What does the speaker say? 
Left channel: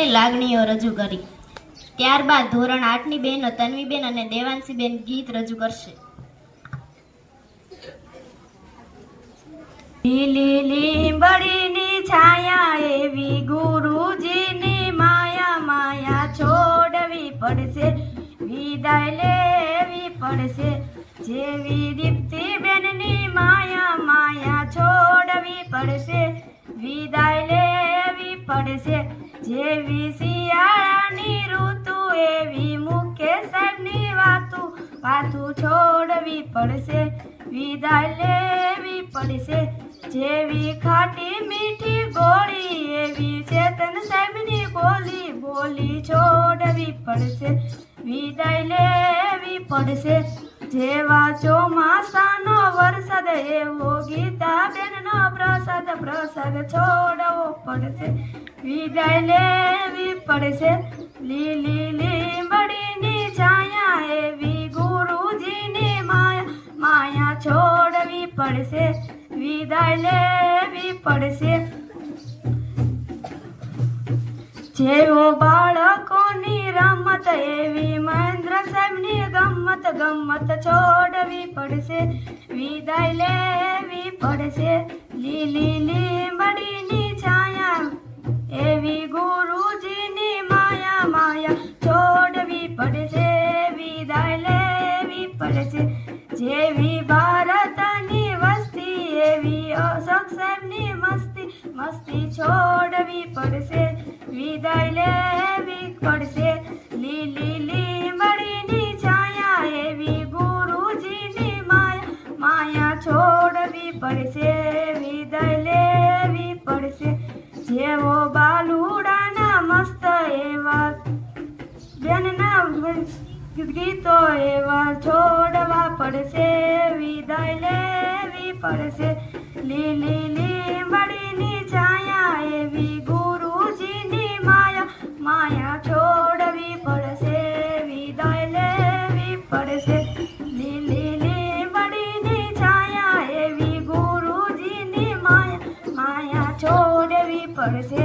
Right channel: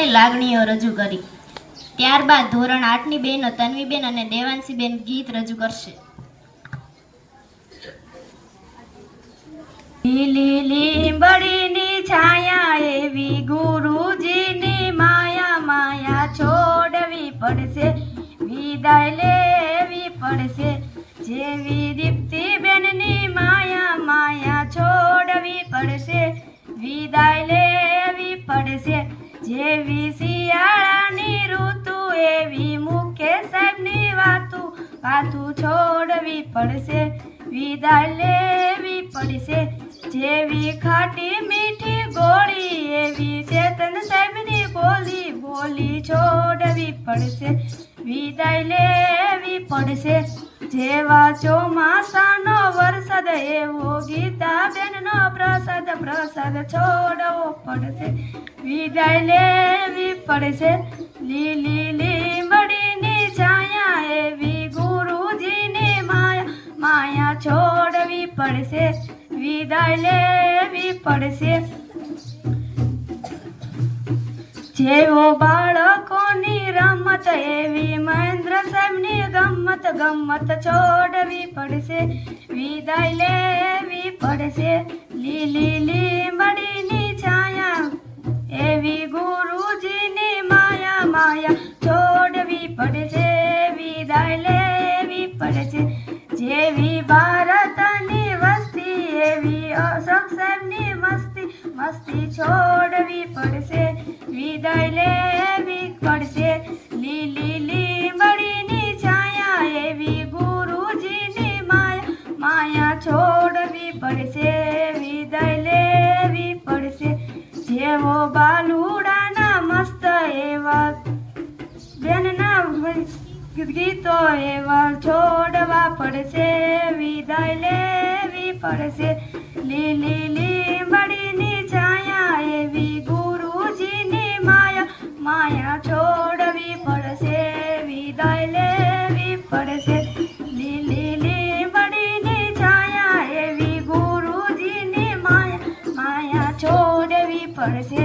માટે લાગણીઓ રજૂ કરી। ત્યારબાદ ધોરણ 8ની બહેનો તન્વીબેન અને દેવાંશીબેન ગીત રજૂ કરશે। લીલી લીંબડીની છાયા એવી ગુરુજીની માયા, માયા છોડવી પડશે, વિદાય લેવી પડશે। જેવી દીપ્તિબેનની માયા, માયા છોડવી પડશે, વિદાય લેવી પડશે। જેવી શિયાળાની ઋતુ એવી મુકેશ સાહેબની વાતું, વાતું છોડવી પડશે, વિદાય લેવી પડશે। જેવી ખાટી મીઠી ગોળી એવી ચેતન સાહેબની બોલી, બોલી છોડવી પડશે, વિદાય લેવી પડશે। જેવા ચોમાસાનો વરસાદ એવો ગીતાબેનનો પ્રસાદ, પ્રસાદ છોડવો પડશે, વિદાય લેવી પડશે। લીલી લીંબડીની છાયા એવી ગુરુજીની માયા, માયા છોડવી પડશે, વિદાય લેવી પડશે। જેવો બાળકોની રમત એવી મહેન્દ્ર સાહેબની ગમત, ગમત છોડવી પડશે, વિદાય લેવી પડશે। લીલી લીંબડીની છાયા એવી ગુરુજીની માયા, માયા છોડવી પડશે, વિદાય લેવી પડશે। જેવી ભારતની વસ્તી એવી અશોક સાહેબની મસ્તી, મસ્તી છોડવી પડશે, વિદાય લેવી પડશે। લીલી લીંબડીની છાયા એવી ગુરુજીની માયા, માયા છોડવી પડશે, વિદાય લેવી પડશે। જેવો બાલુડાના મસ્ત એવા બેનના ગીતો એવા છોડવા પડશે, વિદાય લેવી પડશે। લીલી લીંબડીની છાયા એવી ગુરુજીની માયા, માયા છોડવી પડશે, વિદાય લેવી પડશે। લીલી લીંબડીની છાયા એવી ગુરુજીની માયા, માયા છોડવી પડશે,